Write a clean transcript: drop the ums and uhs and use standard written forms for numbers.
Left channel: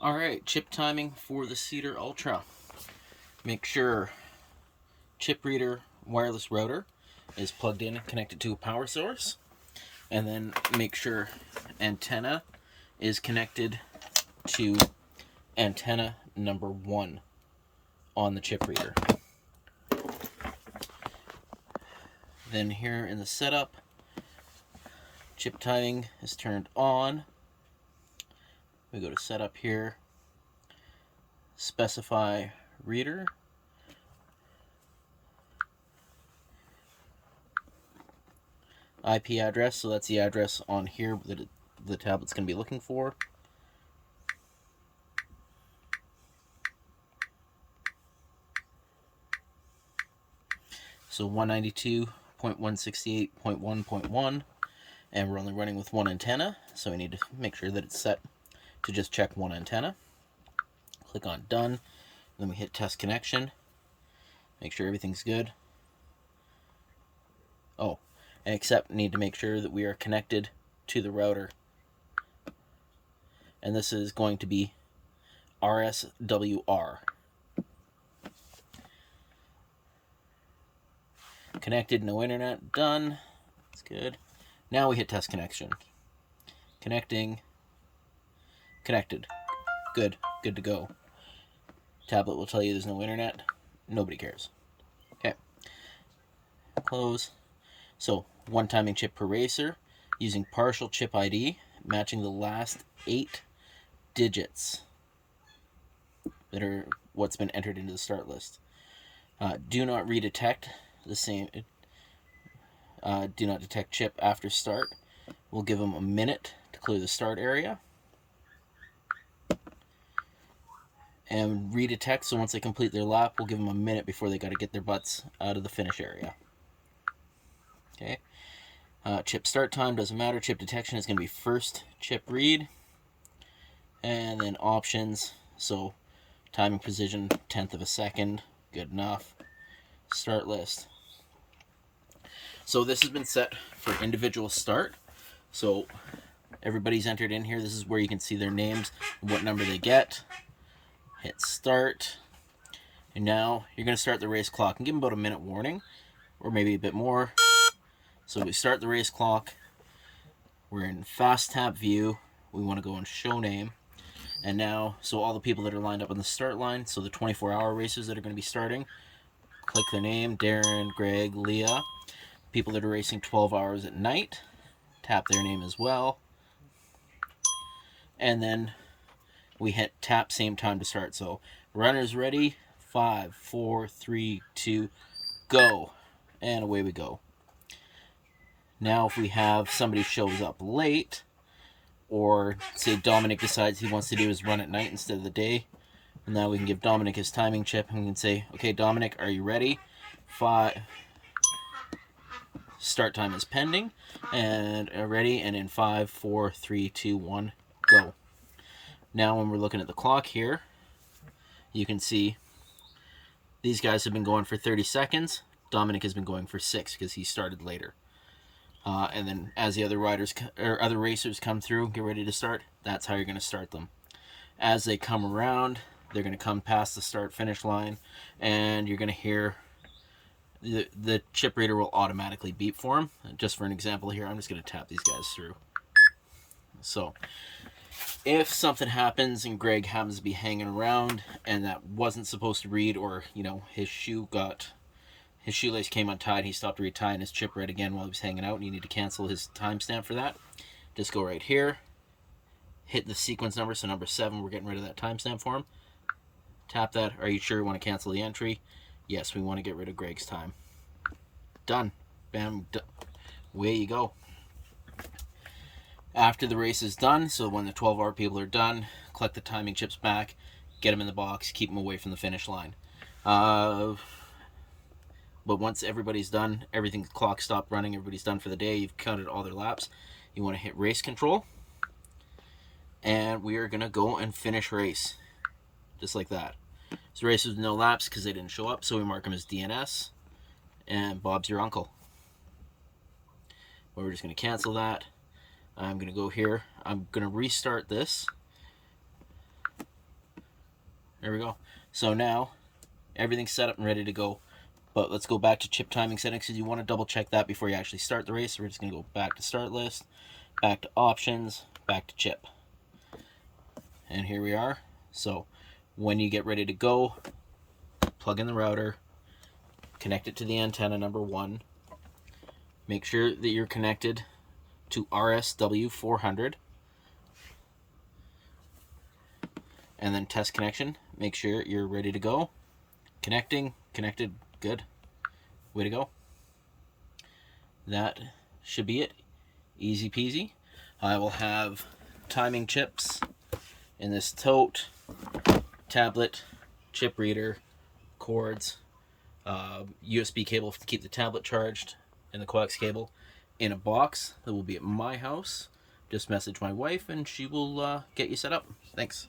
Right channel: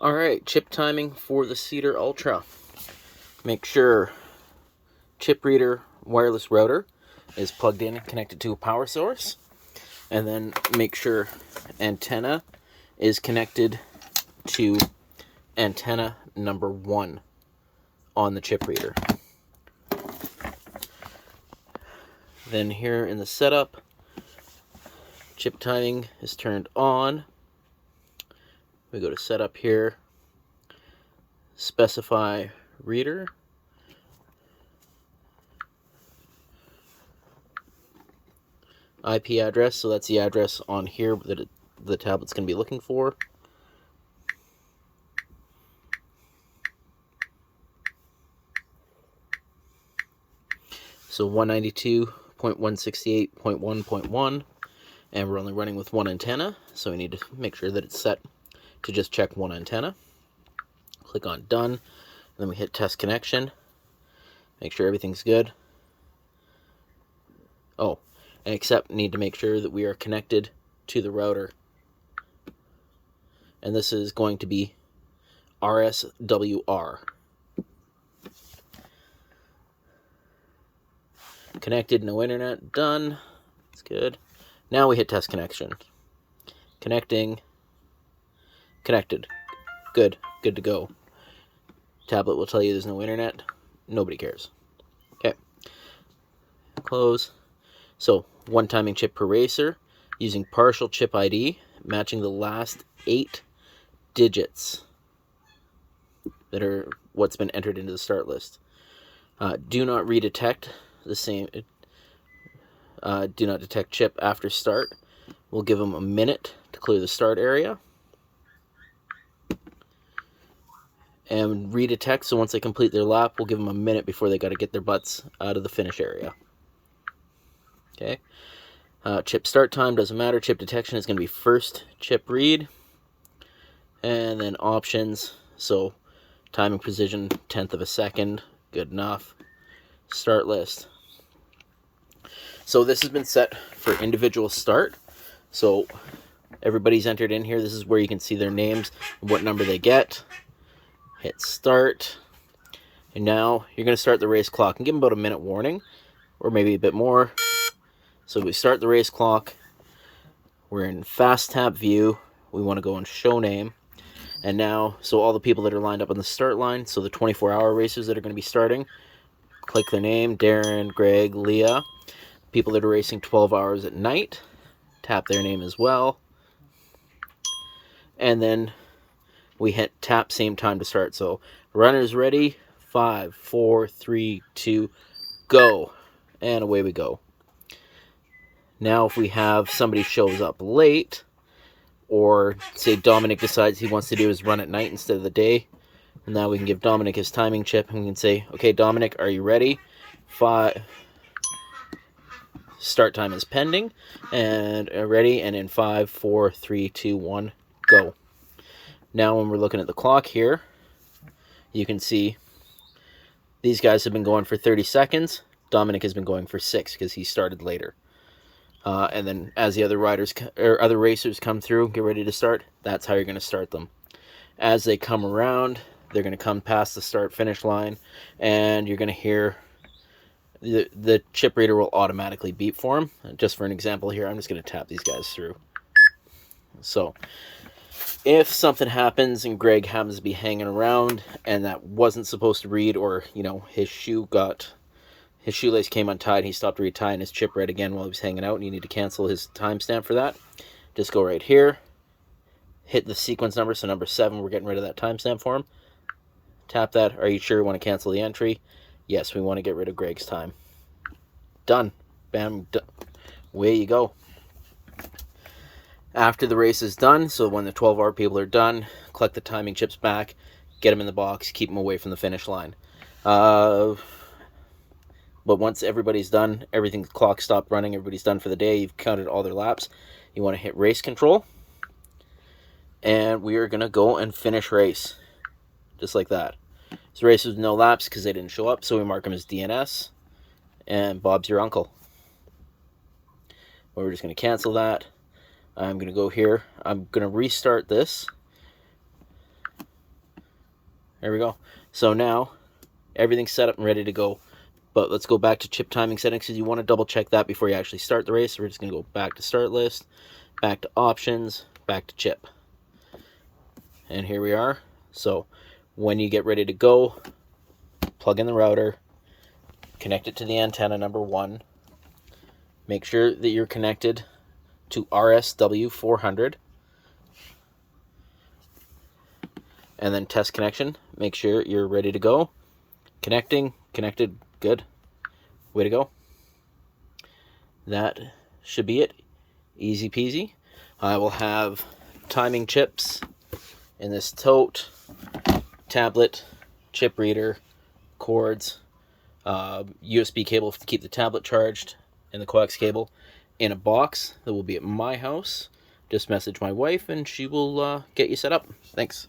Alright, chip timing for the Cedar Ultra. Make sure chip reader wireless router is plugged in and connected to a power source. And then make sure antenna is connected to antenna number 1 on the chip reader. Then here in the setup, chip timing is turned on. We go to setup here, specify reader, IP address, so that's the address on here that the tablet's going to be looking for. So 192.168.1.1, and we're only running with one antenna, so we need to make sure that it's set to just check one antenna. Click on done, then we hit test connection, make sure everything's good. Oh, and except need to make sure that we are connected to the router. And this is going to be RSWR. Connected, no internet, done. That's good. Now we hit test connection. Connecting. Connected. Good. Good to go. Tablet will tell you there's no internet. Nobody cares. Okay. Close. So, one timing chip per racer, using partial chip ID, matching the last 8 digits that are what's been entered into the start list. Do not redetect the same. Do not detect chip after start. We'll give them a minute to clear the start area. And redetect, so once they complete their lap, we'll give them a minute before they got to get their butts out of the finish area. Okay. Chip start time doesn't matter. Chip detection is going to be first chip read. And then options. So timing precision, 1/10 of a second. Good enough. Start list. So this has been set for individual start. So everybody's entered in here. This is where you can see their names and what number they get. Hit start. And now you're going to start the race clock and give them about a minute warning, or maybe a bit more. So we start the race clock. We're in fast tap view. We want to go on show name. And now, so all the people that are lined up on the start line, so the 24-hour racers that are going to be starting, click their name, Darren, Greg, Leah. People that are racing 12 hours at night, tap their name as well. And then we hit tap same time to start. So runners ready, 5, 4, 3, 2, go. And away we go. Now if we have somebody shows up late, or say Dominic decides he wants to do his run at night instead of the day, and now we can give Dominic his timing chip and we can say, okay, Dominic, are you ready? 5. Start time is pending, and ready, and in 5, 4, 3, 2, 1, go. Now when we're looking at the clock here, you can see these guys have been going for 30 seconds. Dominic has been going for 6 because he started later. And then as the other riders or other racers come through, get ready to start, that's how you're going to start them. As they come around, they're going to come past the start-finish line, and you're going to hear the chip reader will automatically beep for them. Just for an example here, I'm just going to tap these guys through. So if something happens and Greg happens to be hanging around and that wasn't supposed to read, or his shoelace came untied, he stopped retying his chip right again while he was hanging out, and you need to cancel his timestamp for that, just go right here, hit the sequence number, so number 7, we're getting rid of that timestamp for him. Tap that. Are you sure you want to cancel the entry? Yes, we want to get rid of Greg's time. Done. Bam. Away you go. After the race is done, so when the 12-hour people are done, collect the timing chips back, get them in the box, keep them away from the finish line. But once everybody's done, everything's clock stopped running, everybody's done for the day, you've counted all their laps, you want to hit race control, and we are going to go and finish race. Just like that. So race with no laps because they didn't show up, so we mark them as DNS, and Bob's your uncle. Well, we're just going to cancel that. I'm going to go here. I'm going to restart this. There we go. So now everything's set up and ready to go. But let's go back to chip timing settings because you want to double check that before you actually start the race. So we're just going to go back to start list, back to options, back to chip. And here we are. So when you get ready to go, plug in the router, connect it to the antenna number 1. Make sure that you're connected to RSW 400. And then test connection. Make sure you're ready to go. Connecting, connected, good. Way to go. That should be it. Easy peasy. I will have timing chips in this tote, tablet, chip reader, cords, USB cable to keep the tablet charged, and the coax cable in a box that will be at my house. Just message my wife and she will get you set up. Thanks.